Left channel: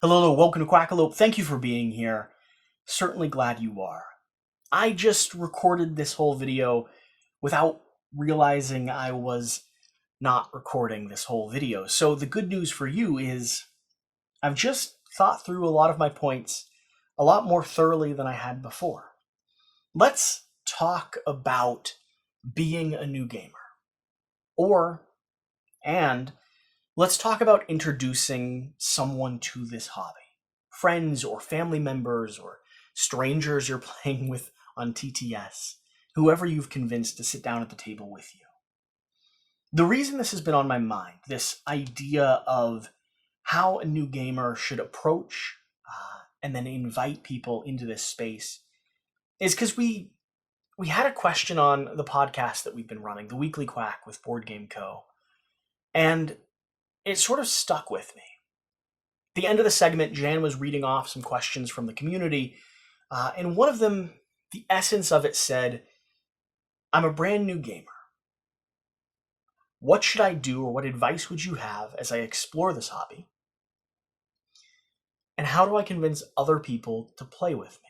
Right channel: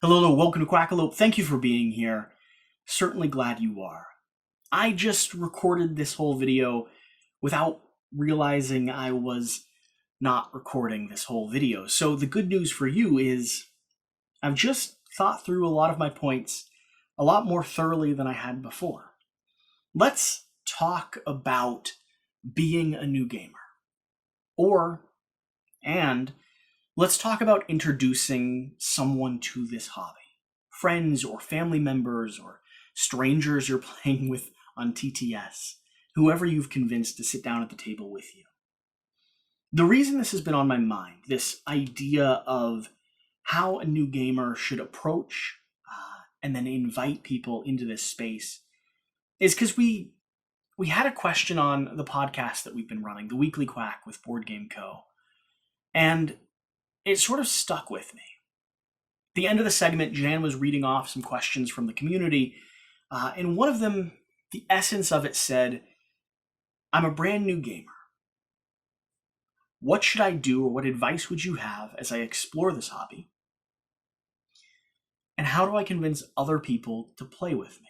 Hello, welcome to Quackalope. Thank you for being here. Certainly glad you are. I just recorded this whole video without realizing I was not recording this whole video. So the good news for you is I've just thought through a lot of my points a lot more thoroughly than I had before. Let's talk about being a new gamer. And let's talk about introducing someone to this hobby. Friends or family members or strangers you're playing with on TTS, whoever you've convinced to sit down at the table with you. The reason this has been on my mind, this idea of how a new gamer should approach and then invite people into this space, is because we had a question on the podcast that we've been running, the Weekly Quack with Board Game Co. And it sort of stuck with me. At the end of the segment, Jan was reading off some questions from the community, and one of them, the essence of it said, I'm a brand new gamer. What should I do, or what advice would you have as I explore this hobby? And how do I convince other people to play with me?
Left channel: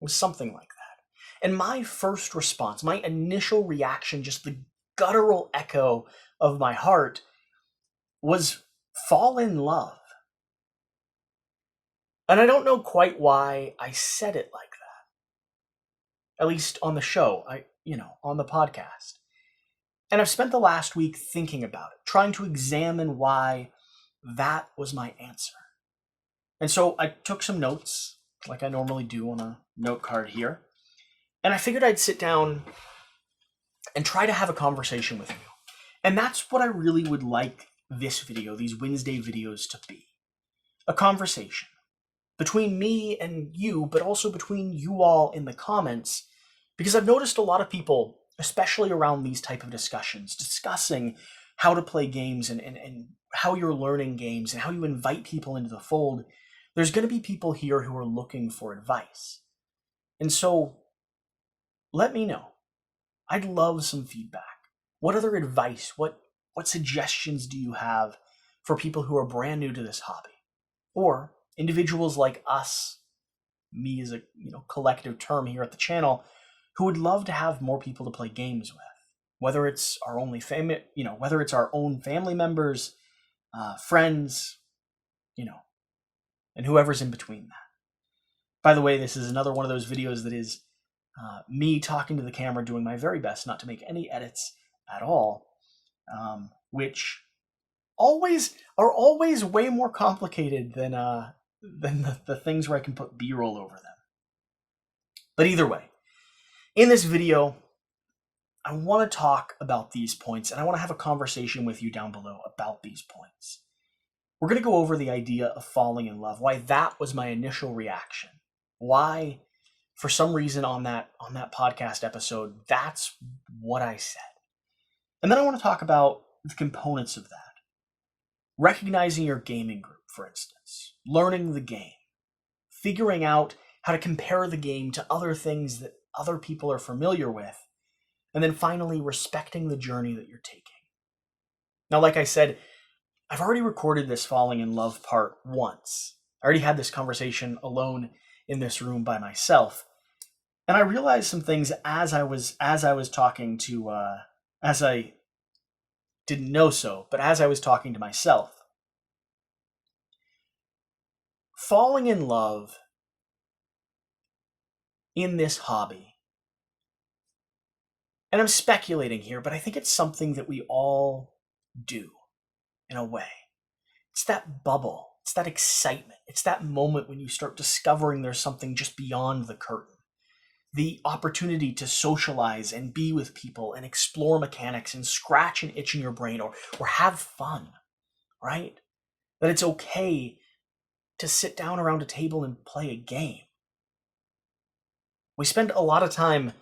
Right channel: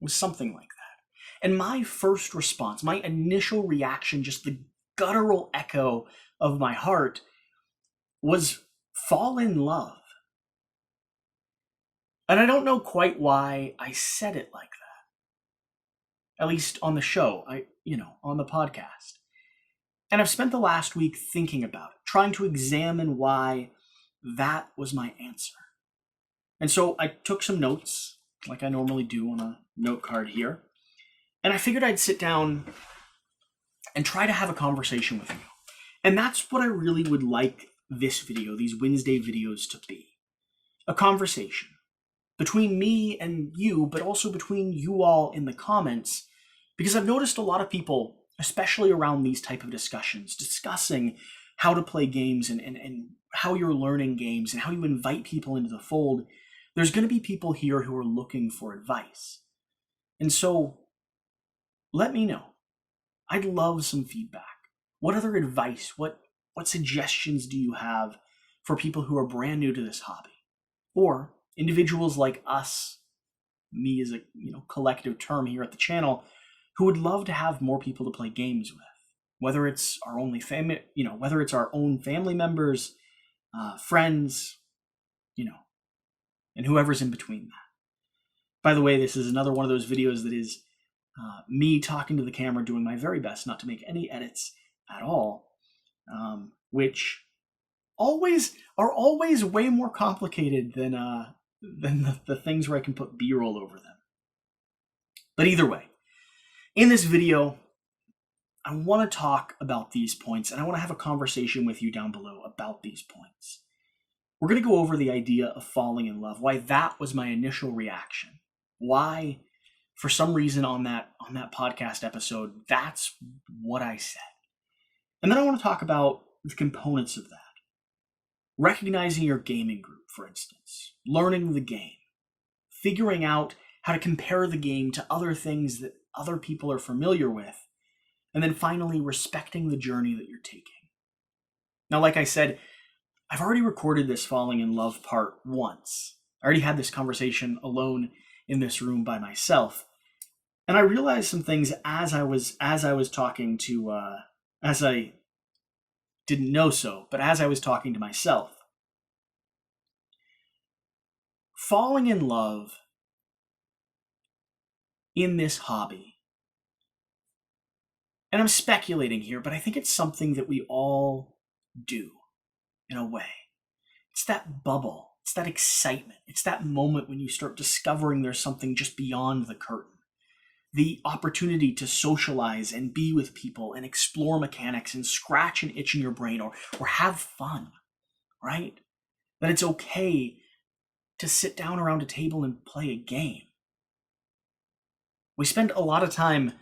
It was something like that. And my first response, my initial reaction, just the guttural echo of my heart, was fall in love. And I don't know quite why I said it like that. At least on the show, on the podcast. And I've spent the last week thinking about it, trying to examine why that was my answer. And so I took some notes, like I normally do on a note card here. And I figured I'd sit down and try to have a conversation with you. And that's what I really would like this video, these Wednesday videos, to be. A conversation between me and you, but also between you all in the comments, because I've noticed a lot of people, especially around these type of discussions, discussing how to play games and how you're learning games and how you invite people into the fold. There's going to be people here who are looking for advice. And so let me know. I'd love some feedback. What other advice, what suggestions do you have for people who are brand new to this hobby? Or individuals like us, me as a collective term here at the channel, who would love to have more people to play games with. Whether it's our only whether it's our own family members, friends, and whoever's in between that. By the way, this is another one of those videos that is me talking to the camera, doing my very best not to make any edits at all, which are always way more complicated than the things where I can put B-roll over them. But either way, in this video, I want to talk about these points, and I want to have a conversation with you down below about these points. We're going to go over the idea of falling in love, why that was my initial reaction, why, for some reason on that podcast episode, that's what I said. And then I want to talk about the components of that. Recognizing your gaming group, for instance, learning the game, figuring out how to compare the game to other things that other people are familiar with, and then finally respecting the journey that you're taking. Now, like I said, I've already recorded this falling in love part once. I already had this conversation alone in this room by myself. And I realized some things as I was talking to, as I didn't know so, but as I was talking to myself. Falling in love in this hobby, and I'm speculating here, but I think it's something that we all do in a way. It's that bubble, it's that excitement, it's that moment when you start discovering there's something just beyond the curtain. The opportunity to socialize and be with people and explore mechanics and scratch an itch in your brain or have fun, right? That it's okay to sit down around a table and play a game. We spend a lot of time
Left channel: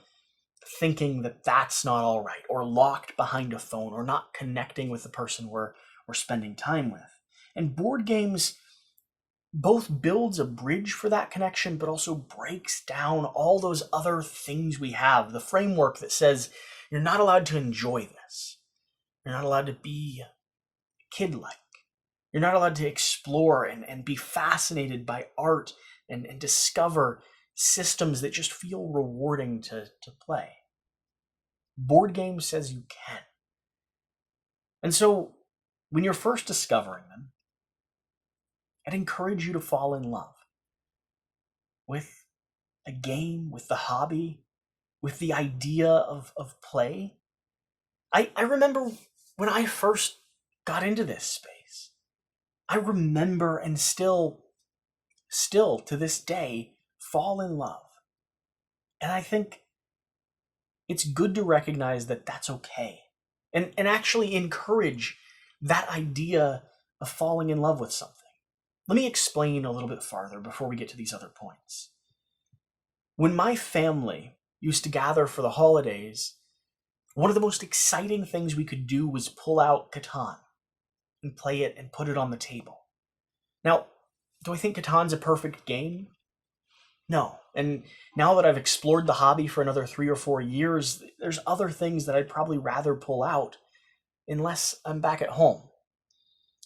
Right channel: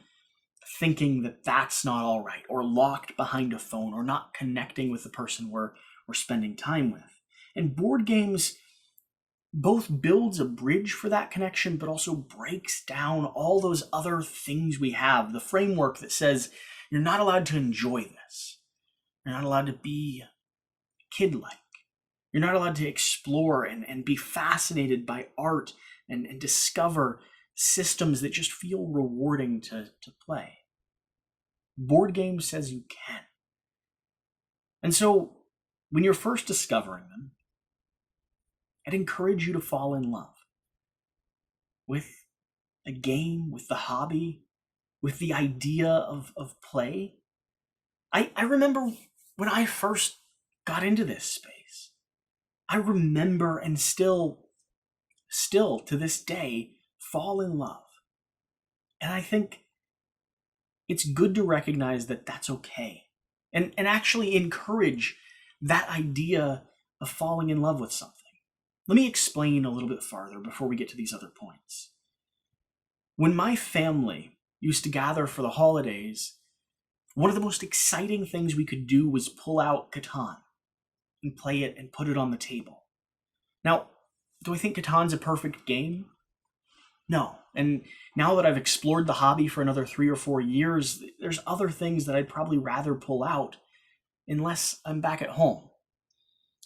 thinking that that's not all right, or locked behind a phone, or not connecting with the person we're spending time with. And board games both builds a bridge for that connection, but also breaks down all those other things we have. The framework that says you're not allowed to enjoy this. You're not allowed to be kid-like. You're not allowed to explore and be fascinated by art and discover systems that just feel rewarding to play. Board game says you can. And so, when you're first discovering them, I'd encourage you to fall in love with a game, with the hobby, with the idea of play. I remember when I first got into this space. I remember and still to this day fall in love. And I think it's good to recognize that that's okay. And actually encourage that idea of falling in love with something. Let me explain a little bit farther before we get to these other points. When my family used to gather for the holidays, one of the most exciting things we could do was pull out Catan and play it and put it on the table. Now, do I think Catan's a perfect game? No. And now that I've explored the hobby for another 3 or 4 years, there's other things that I'd probably rather pull out unless I'm back at home,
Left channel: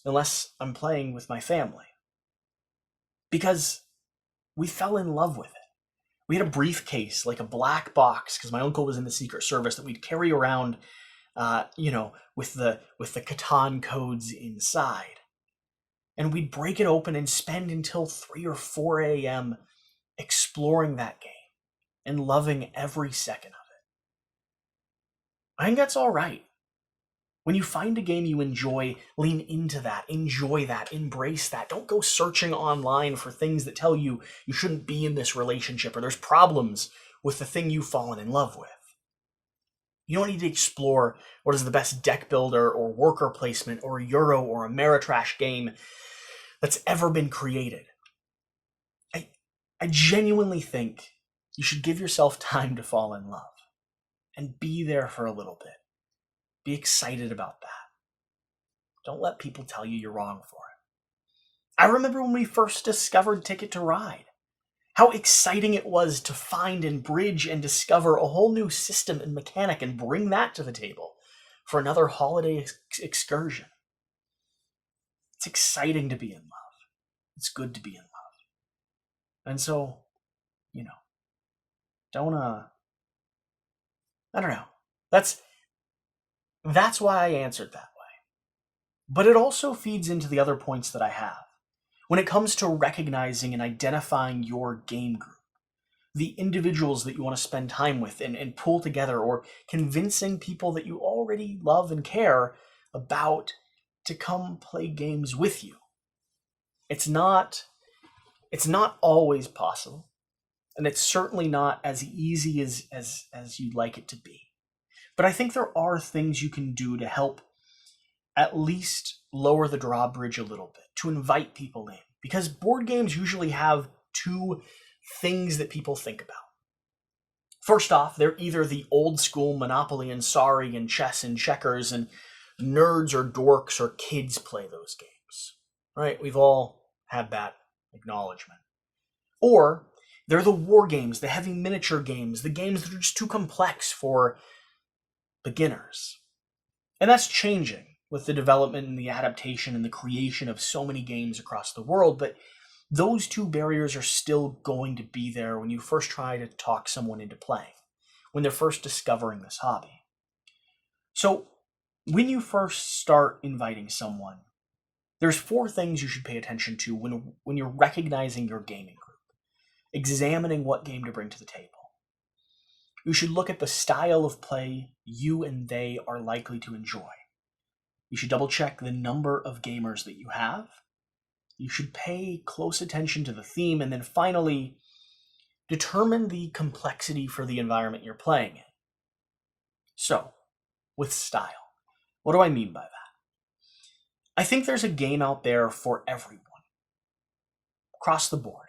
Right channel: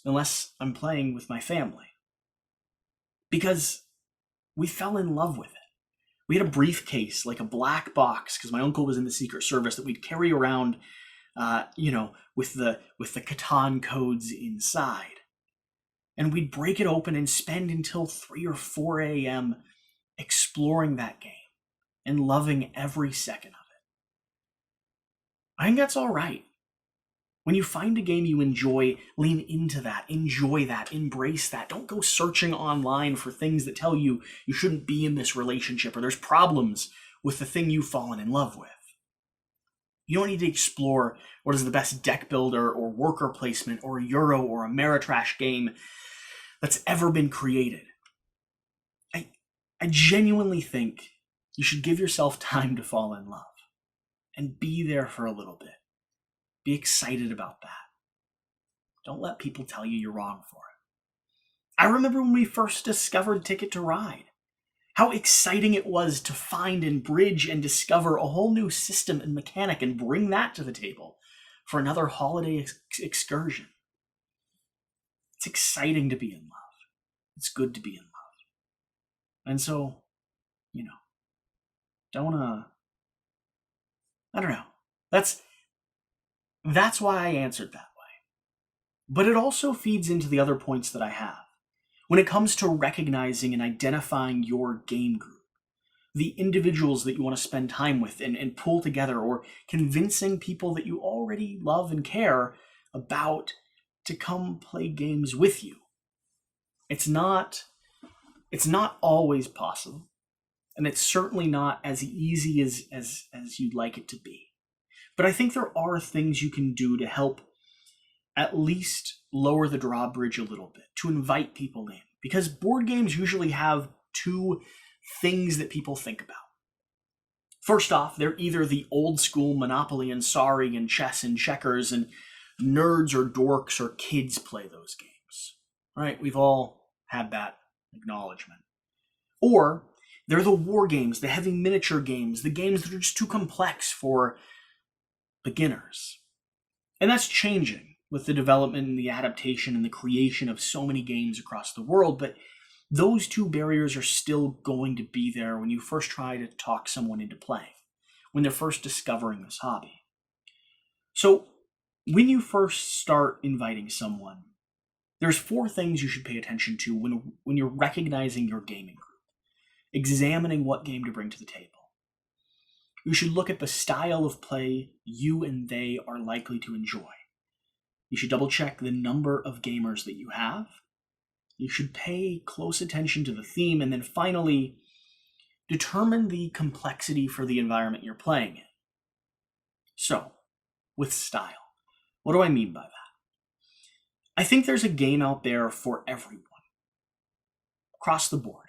unless I'm playing with my family. Because we fell in love with it. We had a briefcase, like a black box, because my uncle was in the Secret Service, that we'd carry around, with the Catan codes inside. And we'd break it open and spend until 3 or 4 a.m. exploring that game and loving every second of it. I think that's all right. When you find a game you enjoy, lean into that, enjoy that, embrace that. Don't go searching online for things that tell you you shouldn't be in this relationship or there's problems with the thing you've fallen in love with. You don't need to explore what is the best deck builder or worker placement or Euro or Ameritrash game that's ever been created. I genuinely think you should give yourself time to fall in love and be there for a little bit. Be excited about that. Don't let people tell you you're wrong for it. I remember when we first discovered Ticket to Ride. How exciting it was to find and bridge and discover a whole new system and mechanic and bring that to the table for another holiday excursion. It's exciting to be in love. It's good to be in love. And so, I don't know. That's why I answered that way. But it also feeds into the other points that I have. When it comes to recognizing and identifying your game group, the individuals that you want to spend time with and pull together, or convincing people that you already love and care about to come play games with you. It's not always possible, and it's certainly not as easy as you'd like it to be. But I think there are things you can do to help at least lower the drawbridge a little bit, to invite people in. Because board games usually have 2 things that people think about. First off, they're either the old school Monopoly and Sorry and chess and checkers, and nerds or dorks or kids play those games. Right? We've all had that acknowledgement. Or they're the war games, the heavy miniature games, the games that are just too complex for beginners. And that's changing with the development and the adaptation and the creation of so many games across the world, but those 2 barriers are still going to be there when you first try to talk someone into playing, when they're first discovering this hobby. So, when you first start inviting someone, there's 4 things you should pay attention to when you're recognizing your gaming group, examining what game to bring to the table. You should look at the style of play you and they are likely to enjoy. You should double check the number of gamers that you have. You should pay close attention to the theme, and then finally, determine the complexity for the environment you're playing in. So, with style, what do I mean by that? I think there's a game out there for everyone, across the board.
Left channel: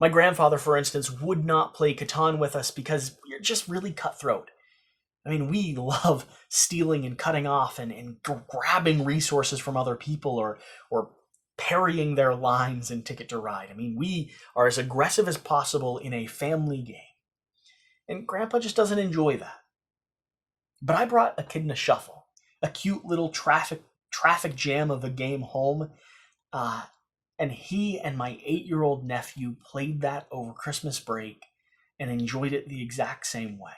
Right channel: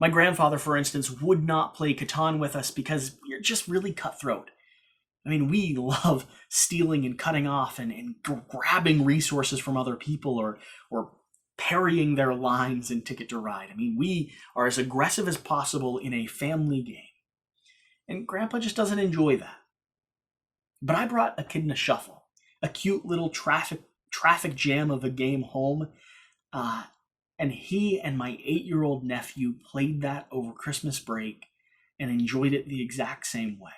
My grandfather, for instance, would not play Catan with us because we're just really cutthroat. I mean, we love stealing and cutting off and grabbing resources from other people or parrying their lines in Ticket to Ride. I mean, we are as aggressive as possible in a family game. And Grandpa just doesn't enjoy that. But I brought Echidna Shuffle, a cute little traffic jam of a game home Uh, and he and my 8-year-old nephew played that over Christmas break and enjoyed it the exact same way.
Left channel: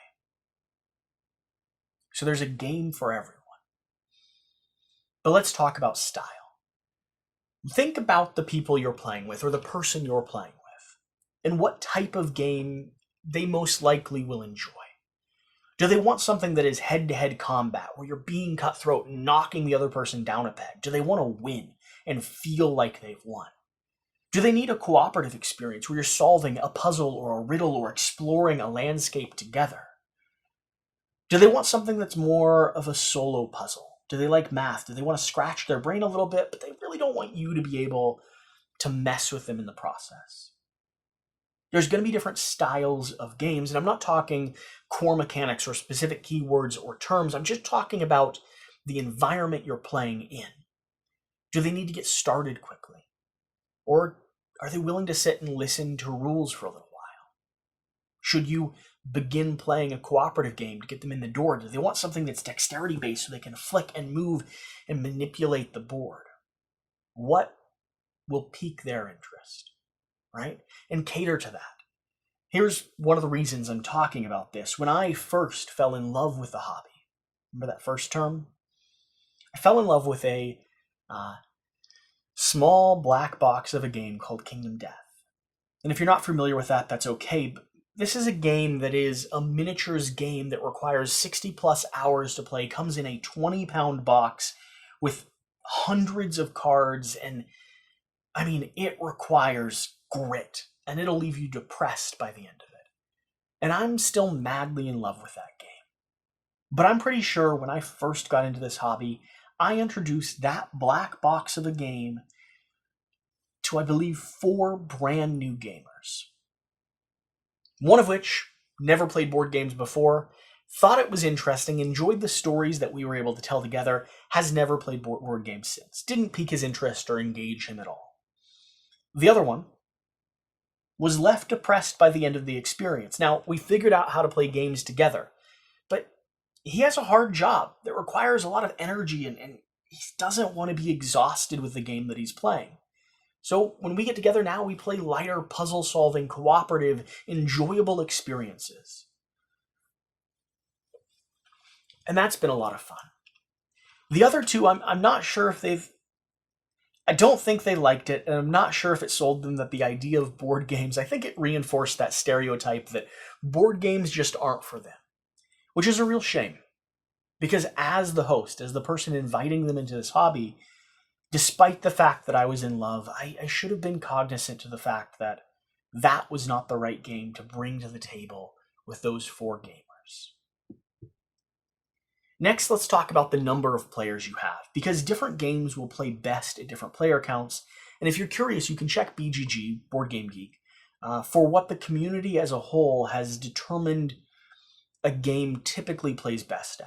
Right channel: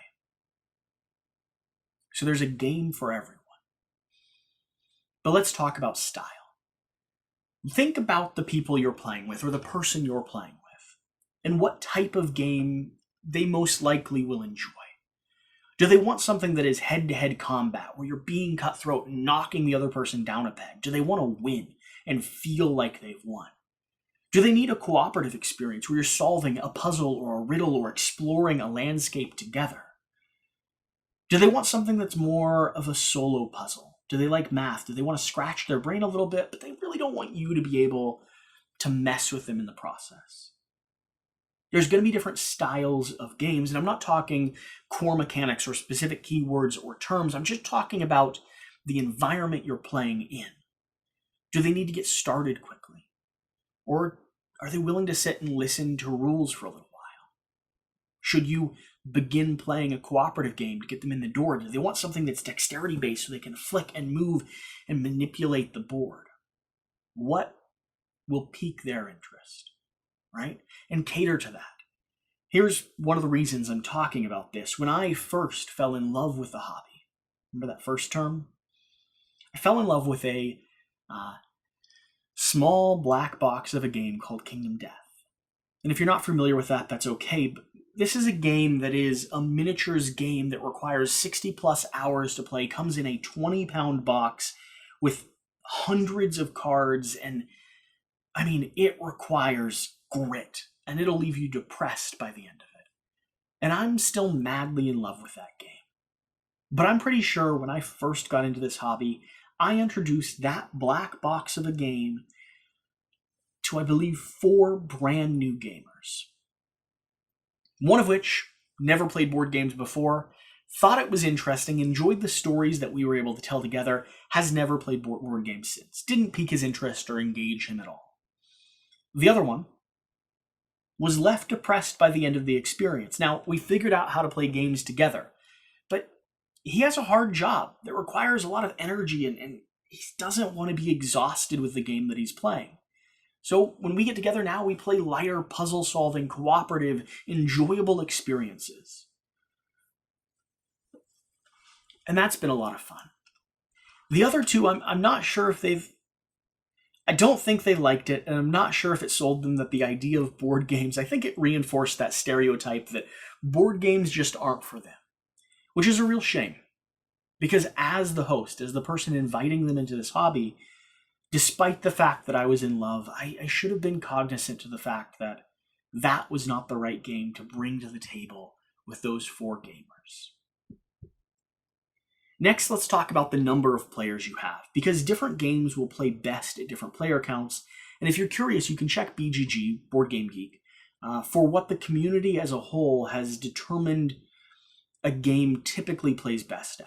So there's a game for everyone. But let's talk about style. Think about the people you're playing with or the person you're playing with and what type of game they most likely will enjoy. Do they want something that is head-to-head combat where you're being cutthroat and knocking the other person down a peg? Do they want to win and feel like they've won? Do they need a cooperative experience where you're solving a puzzle or a riddle or exploring a landscape together? Do they want something that's more of a solo puzzle? Do they like math? Do they want to scratch their brain a little bit, but they really don't want you to be able to mess with them in the process? There's going to be different styles of games, and I'm not talking core mechanics or specific keywords or terms. I'm just talking about the environment you're playing in. Do they need to get started quickly? Or are they willing to sit and listen to rules for a little while? Should you begin playing a cooperative game to get them in the door? Do they want something that's dexterity-based so they can flick and move and manipulate the board? What will pique their interest, right? And cater to that. Here's one of the reasons I'm talking about this. When I first fell in love with the hobby, remember that first term? I fell in love with a small black box of a game called Kingdom Death. And if you're not familiar with that, that's okay. But this is a game that is a miniatures game that requires 60 plus hours to play, comes in a 20-pound box with hundreds of cards, and I mean, it requires grit, and it'll leave you depressed by the end of it. And I'm still madly in love with that game. But I'm pretty sure when I first got into this hobby, I introduced that black box of a game to, I believe, 4 brand new gamers. One of which never played board games before, thought it was interesting, enjoyed the stories that we were able to tell together, has never played board games since. Didn't pique his interest or engage him at all. The other one was left depressed by the end of the experience. Now, we figured out how to play games together, but he has a hard job that requires a lot of energy, and he doesn't want to be exhausted with the game that he's playing. So when we get together now, we play lighter, puzzle-solving, cooperative, enjoyable experiences. And that's been a lot of fun. The other two, I'm not sure if I don't think they liked it, and I'm not sure if it sold them that the idea of board games, I think it reinforced that stereotype that board games just aren't for them, which is a real shame. Because as the host, as the person inviting them into this hobby, despite the fact that I was in love, I should have been cognizant to the fact that that was not the right game to bring to the table with those 4 gamers. Next, let's talk about the number of players you have, because different games will play best at different player counts, and if you're curious, you can check BGG, Board Game Geek, for what the community as a whole has determined a game typically plays best at.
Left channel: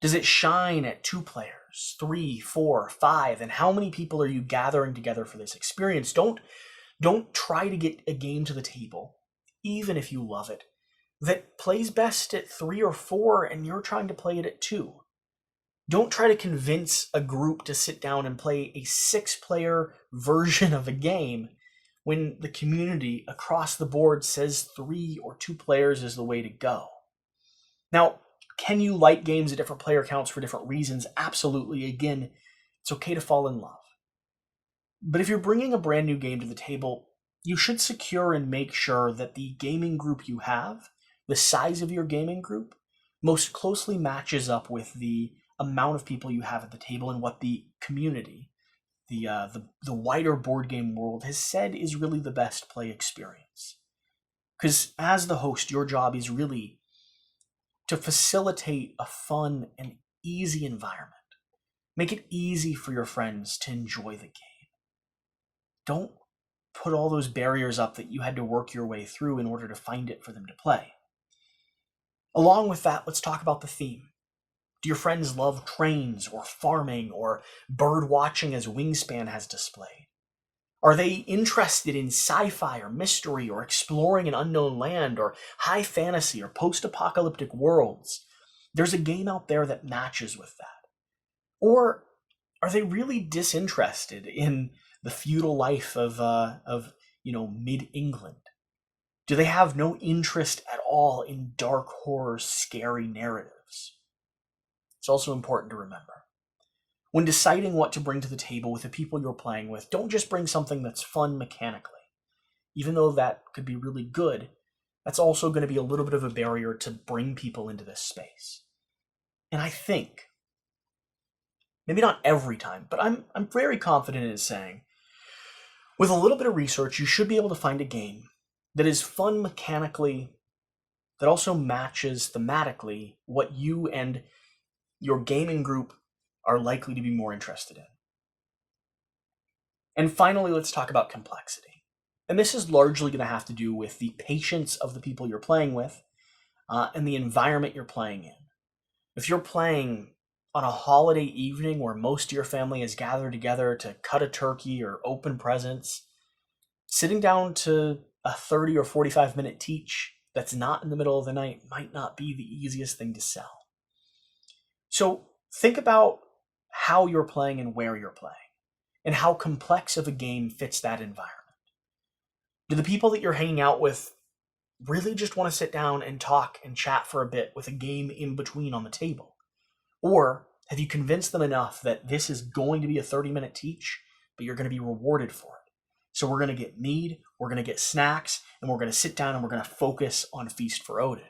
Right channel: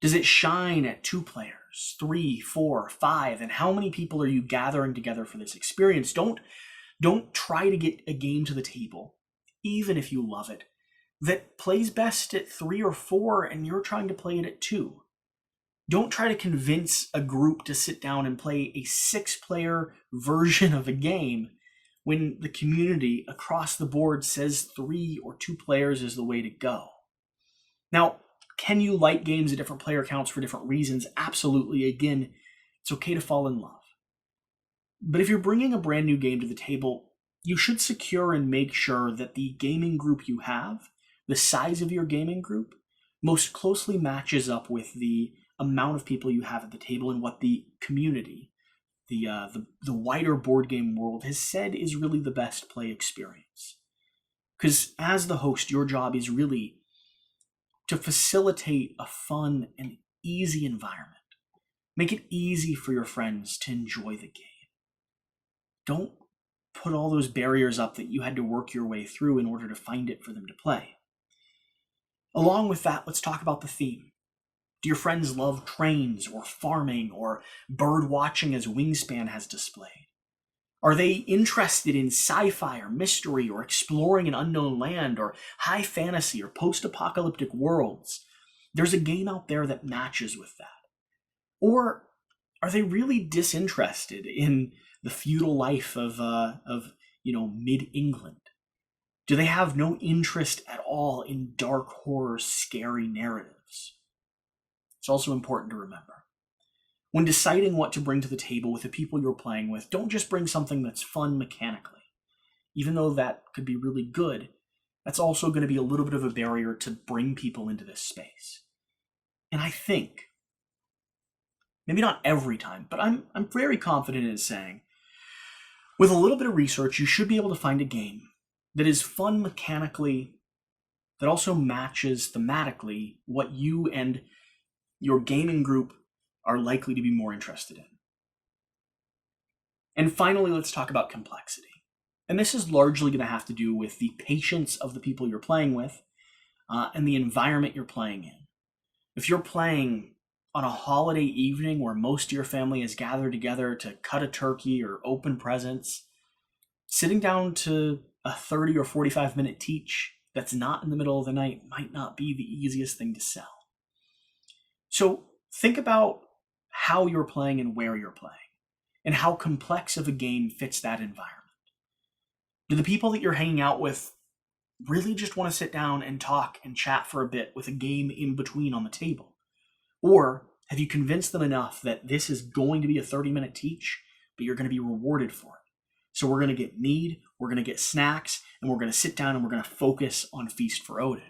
Does it shine at 2 players, 3, 4, 5, and how many people are you gathering together for this experience? Don't try to get a game to the table, even if you love it, that plays best at 3 or 4 and you're trying to play it at 2. Don't try to convince a group to sit down and play a 6-player version of a game when the community across the board says 3 or 2 players is the way to go. Now, can you like games at different player counts for different reasons? Absolutely. Again, it's okay to fall in love. But if you're bringing a brand new game to the table, you should secure and make sure that the gaming group you have, the size of your gaming group, most closely matches up with the amount of people you have at the table and what the community, the wider board game world has said is really the best play experience. Because as the host, your job is really to facilitate a fun and easy environment. Make it easy for your friends to enjoy the game. Don't put all those barriers up that you had to work your way through in order to find it for them to play. Along with that, let's talk about the theme. Do your friends love trains or farming or bird watching as Wingspan has displayed? Are they interested in sci-fi or mystery or exploring an unknown land or high fantasy or post-apocalyptic worlds? There's a game out there that matches with that. Or are they really disinterested in the feudal life of mid-England? Do they have no interest at all in dark horror, scary narratives? It's also important to remember. When deciding what to bring to the table with the people you're playing with, don't just bring something that's fun mechanically. Even though that could be really good, that's also going to be a little bit of a barrier to bring people into this space. And I think, maybe not every time, but I'm very confident in saying, with a little bit of research, you should be able to find a game that is fun mechanically, that also matches thematically what you and your gaming group are likely to be more interested in. And finally, let's talk about complexity. And this is largely going to have to do with the patience of the people you're playing with and the environment you're playing in. If you're playing on a holiday evening where most of your family is gathered together to cut a turkey or open presents, sitting down to a 30 or 45-minute teach that's not in the middle of the night might not be the easiest thing to sell. So think about how you're playing and where you're playing, and how complex of a game fits that environment. Do the people that you're hanging out with really just want to sit down and talk and chat for a bit with a game in between on the table? Or have you convinced them enough that this is going to be a 30-minute teach, but you're going to be rewarded for it? So we're going to get mead, we're going to get snacks, and we're going to sit down and we're going to focus on Feast for Odin.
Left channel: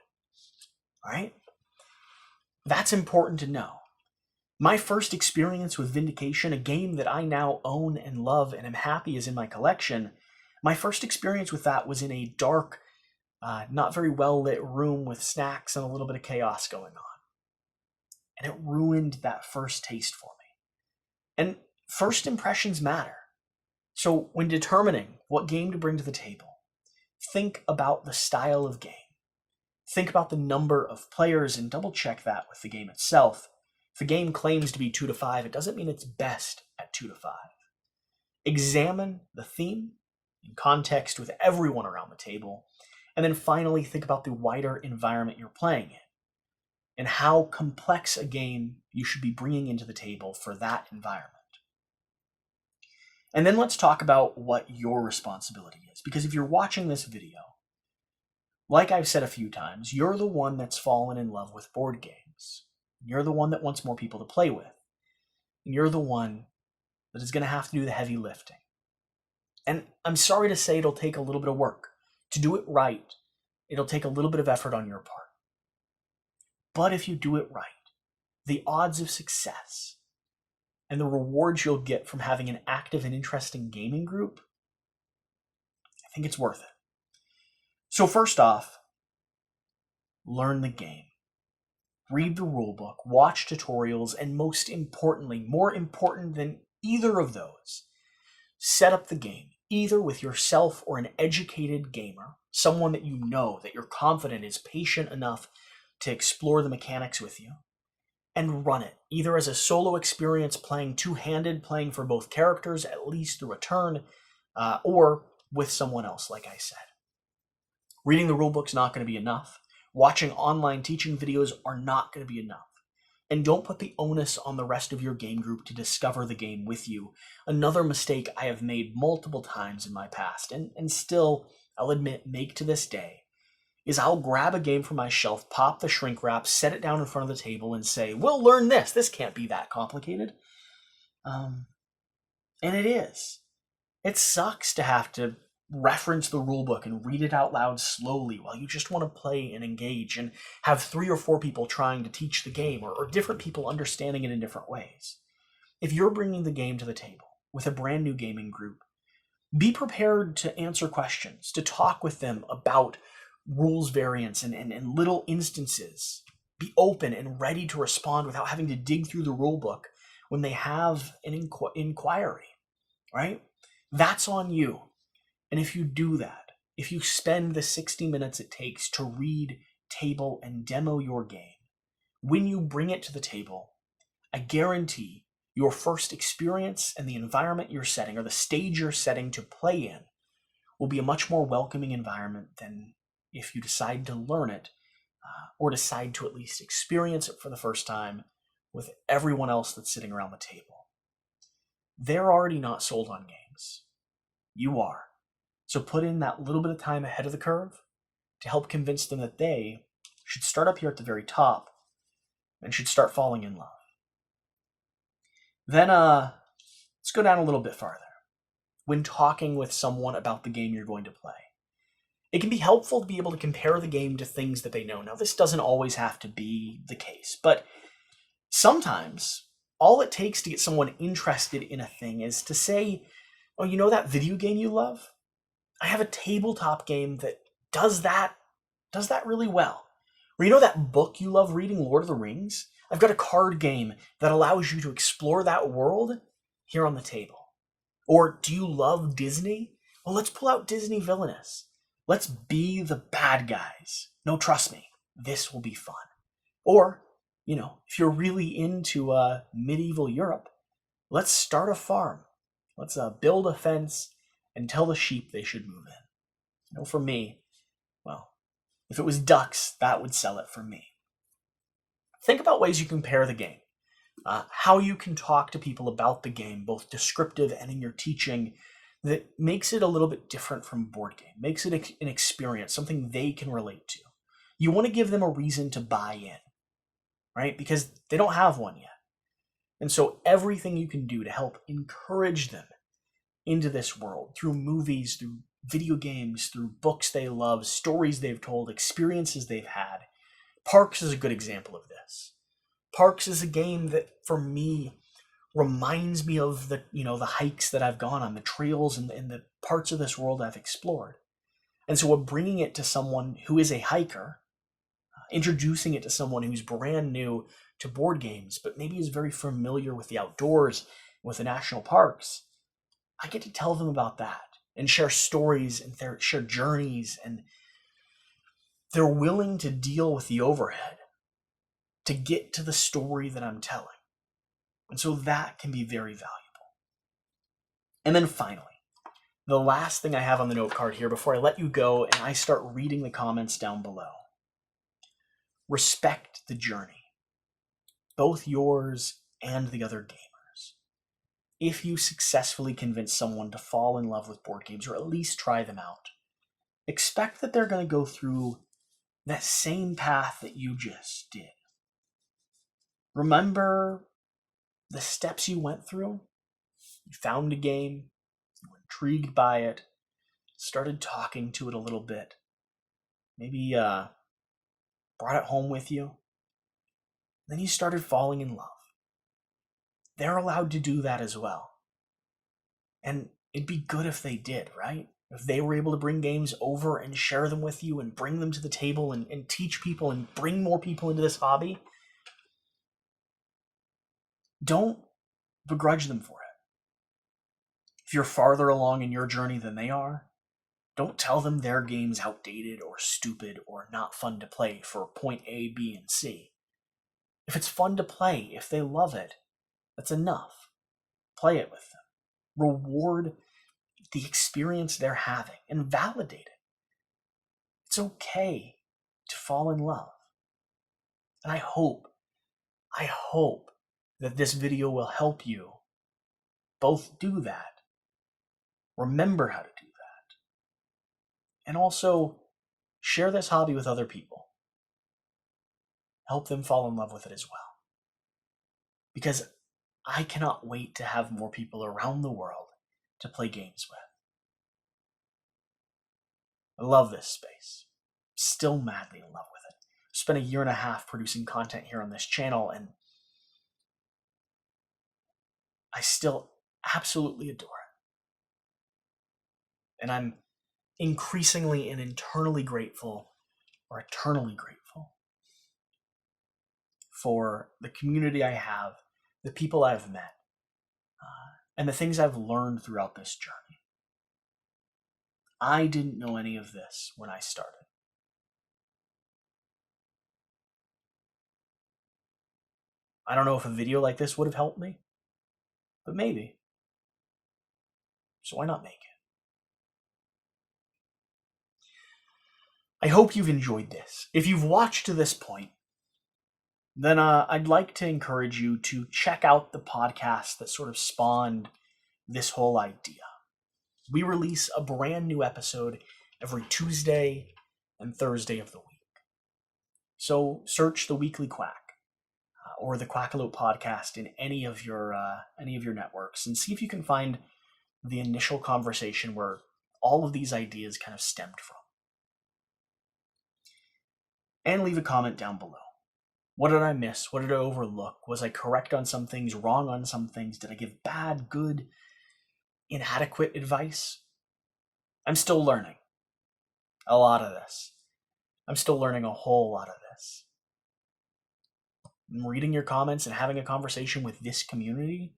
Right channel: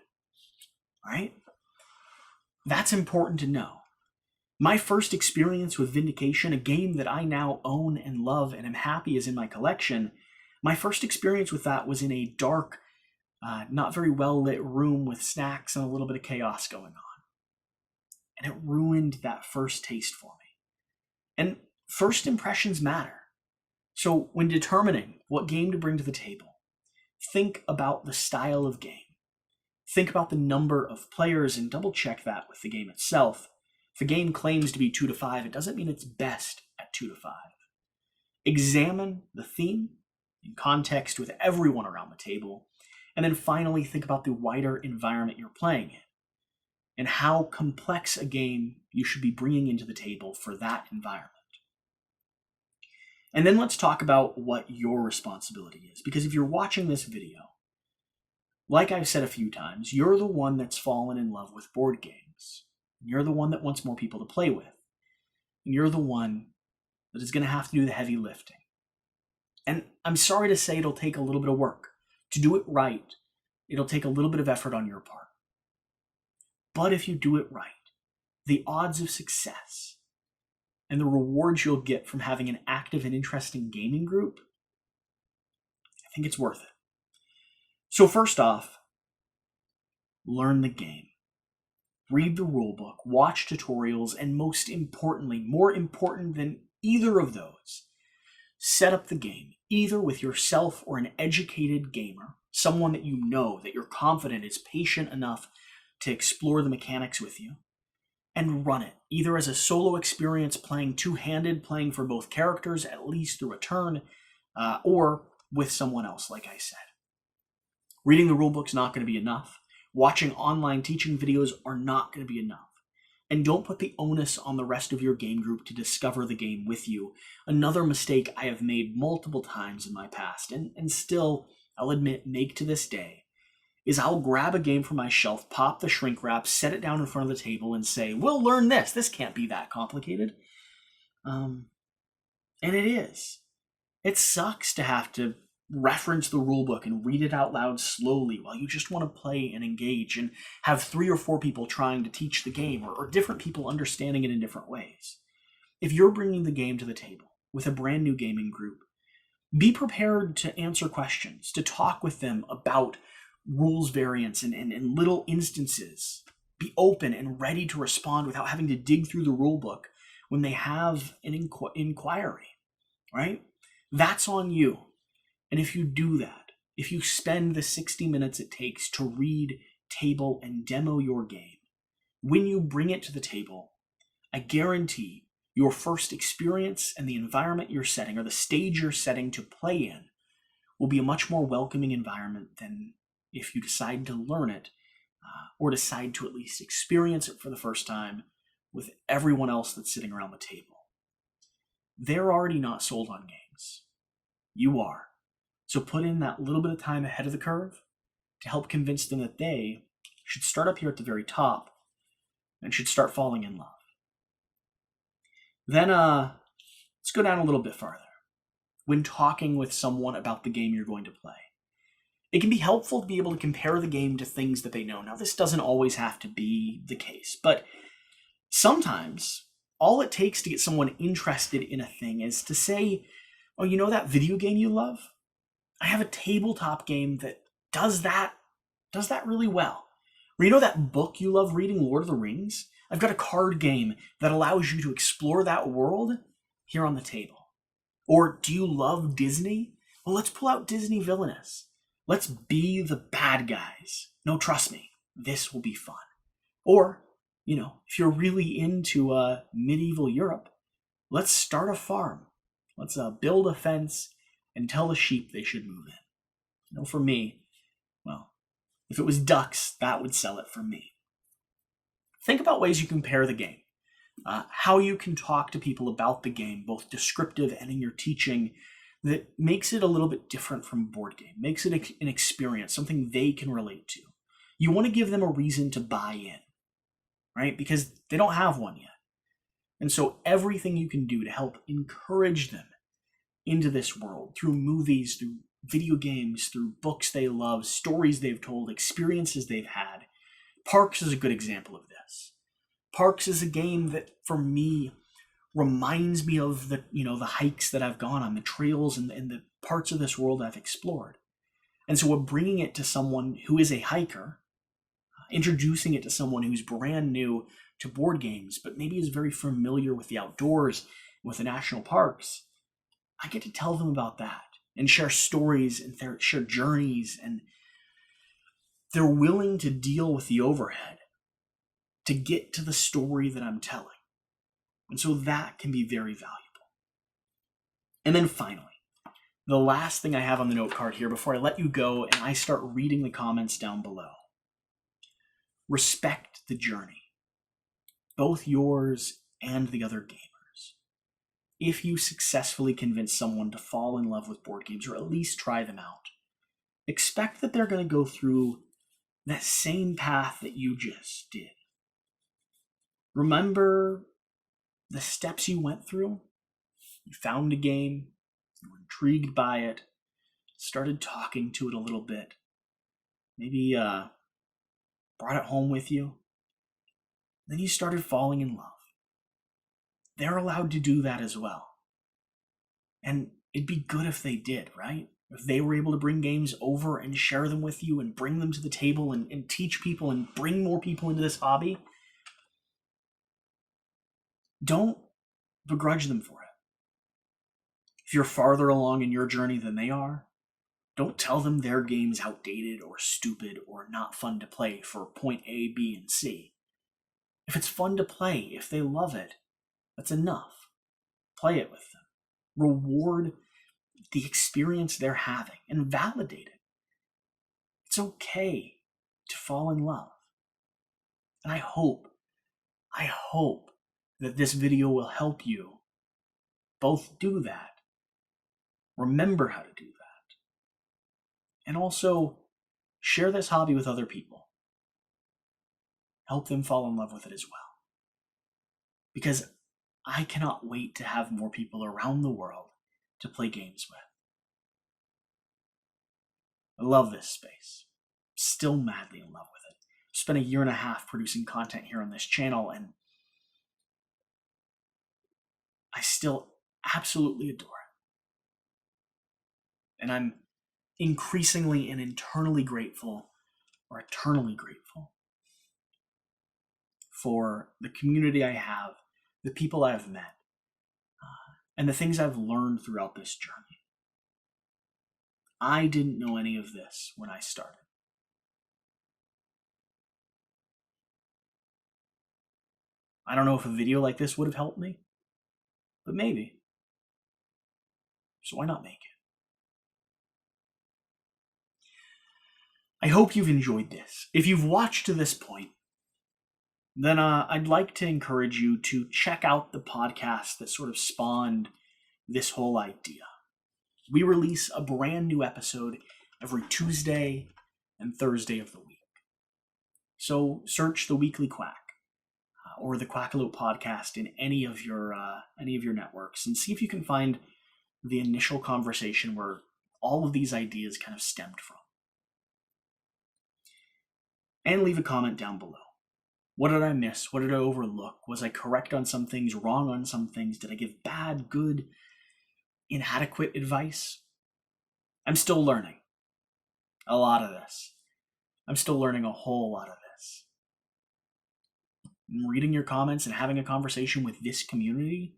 All right? That's important to know. My first experience with Vindication, a game that I now own and love and am happy is in my collection, my first experience with that was in a dark, not very well lit room with snacks and a little bit of chaos going on. And it ruined that first taste for me. And first impressions matter. So when determining what game to bring to the table, think about the style of game. Think about the number of players and double check that with the game itself. If a game claims to be 2 to 5, it doesn't mean it's best at 2 to 5. Examine the theme in context with everyone around the table, and then finally think about the wider environment you're playing in and how complex a game you should be bringing into the table for that environment. And then let's talk about what your responsibility is, because if you're watching this video, like I've said a few times, you're the one that's fallen in love with board games. You're the one that wants more people to play with. And you're the one that is going to have to do the heavy lifting. And I'm sorry to say it'll take a little bit of work. To do it right, it'll take a little bit of effort on your part. But if you do it right, the odds of success and the rewards you'll get from having an active and interesting gaming group, I think it's worth it. So first off, learn the game. Read the rulebook, watch tutorials, and most importantly, more important than either of those, set up the game, either with yourself or an educated gamer, someone that you know, that you're confident is patient enough to explore the mechanics with you, and run it, either as a solo experience playing two-handed, playing for both characters, at least through a turn, or with someone else, like I said. Reading the rulebook's not going to be enough. Watching online teaching videos are not going to be enough. And don't put the onus on the rest of your game group to discover the game with you. Another mistake I have made multiple times in my past, and still, I'll admit, make to this day, is I'll grab a game from my shelf, pop the shrink wrap, set it down in front of the table, and say, we'll learn this. This can't be that complicated. And it is. It sucks to have to reference the rulebook and read it out loud slowly while you just want to play and engage and have 3 or 4 people trying to teach the game or different people understanding it in different ways. If you're bringing the game to the table with a brand new gaming group, be prepared to answer questions, to talk with them about rules variants and little instances. Be open and ready to respond without having to dig through the rulebook when they have an inquiry, right? That's on you. And if you do that, if you spend the 60 minutes it takes to read, table, and demo your game, when you bring it to the table, I guarantee your first experience and the environment you're setting, or the stage you're setting to play in, will be a much more welcoming environment than if you decide to learn it, or decide to at least experience it for the first time with everyone else that's sitting around the table. They're already not sold on games. things. You are. So put in that little bit of time ahead of the curve to help convince them that they should start up here at the very top and should start falling in love. Then let's go down a little bit farther. When talking with someone about the game you're going to play, it can be helpful to be able to compare the game to things that they know. Now, this doesn't always have to be the case, but sometimes all it takes to get someone interested in a thing is to say, oh, you know that video game you love? I have a tabletop game that does that really well. Or you know that book you love reading, Lord of the Rings? I've got a card game that allows you to explore that world here on the table. Or do you love Disney? Well, let's pull out Disney Villainous. Let's be the bad guys. No, trust me, this will be fun. Or, if you're really into medieval Europe, let's start a farm. Let's build a fence and tell the sheep they should move in. For me, well, if it was ducks, that would sell it for me. Think about ways you compare the game. How you can talk to people about the game, both descriptive and in your teaching, that makes it a little bit different from a board game, makes it an experience, something they can relate to. You want to give them a reason to buy in, right? Because they don't have one yet. And so everything you can do to help encourage them into this world, through movies, through video games, through books they love, stories they've told, experiences they've had. Parks is a good example of this. Parks is a game that, for me, reminds me of the hikes that I've gone on, the trails and the parts of this world I've explored. And so we're bringing it to someone who is a hiker, introducing it to someone who's brand new to board games, but maybe is very familiar with the outdoors, with the national parks. I get to tell them about that and share stories and share journeys, and they're willing to deal with the overhead to get to the story that I'm telling. And so that can be very valuable. And then finally, the last thing I have on the note card here before I let you go and I start reading the comments down below. Respect the journey, both yours and the other gamers. If you successfully convince someone to fall in love with board games, or at least try them out, expect that they're going to go through that same path that you just did. Remember the steps you went through. You found a game, you were intrigued by it, started talking to it a little bit, maybe brought it home with you. Then you started falling in love. They're allowed to do that as well. And it'd be good if they did, right? If they were able to bring games over and share them with you and bring them to the table and teach people and bring more people into this hobby. Don't begrudge them for it. If you're farther along in your journey than they are, don't tell them their game's outdated or stupid or not fun to play for point A, B, and C. If it's fun to play, if they love it, that's enough. Play it with them. Reward the experience they're having and validate it. It's okay to fall in love. And I hope that this video will help you both do that, remember how to do that, and also share this hobby with other people. Help them fall in love with it as well. Because I cannot wait to have more people around the world to play games with. I love this space. Still madly in love with it. I've spent a year and a half producing content here on this channel, and I still absolutely adore it. And I'm increasingly and eternally grateful for the community I have, the people I've met, and the things I've learned throughout this journey. I didn't know any of this when I started. I don't know if a video like this would have helped me, but maybe. So why not make it? I hope you've enjoyed this. If you've watched to this point, then I'd like to encourage you to check out the podcast that sort of spawned this whole idea. We release a brand new episode every Tuesday and Thursday of the week. So search The Weekly Quack or the Quackalope podcast in any of your networks and see if you can find the initial conversation where all of these ideas kind of stemmed from. And leave a comment down below. What did I miss? What did I overlook? Was I correct on some things, wrong on some things? Did I give bad, good, inadequate advice? I'm still learning a lot of this. I'm still learning a whole lot of this. And reading your comments and having a conversation with this community,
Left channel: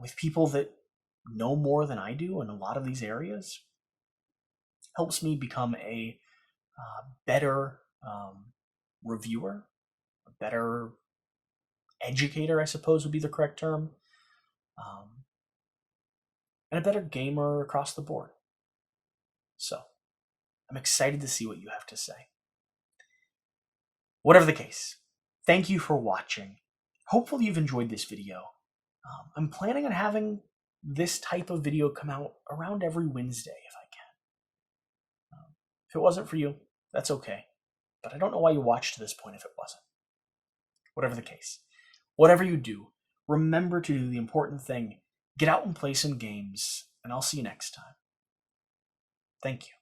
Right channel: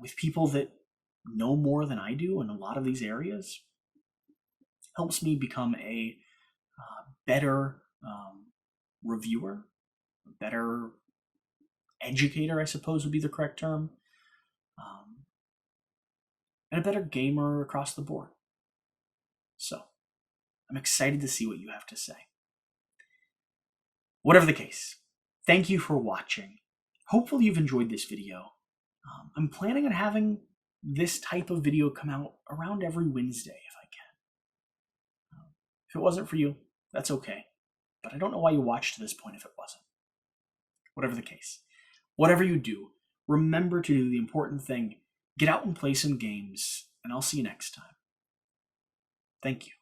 with people that know more than I do in a lot of these areas, helps me become a better reviewer, a better educator, I suppose would be the correct term, and a better gamer across the board. So, I'm excited to see what you have to say. Whatever the case, thank you for watching. Hopefully you've enjoyed this video. I'm planning on having this type of video come out around every Wednesday if I can. If it wasn't for you, that's okay. But I don't know why you watched to this point if it wasn't. Whatever the case. Whatever you do, remember to do the important thing. Get out and play some games, and I'll see you next time. Thank you.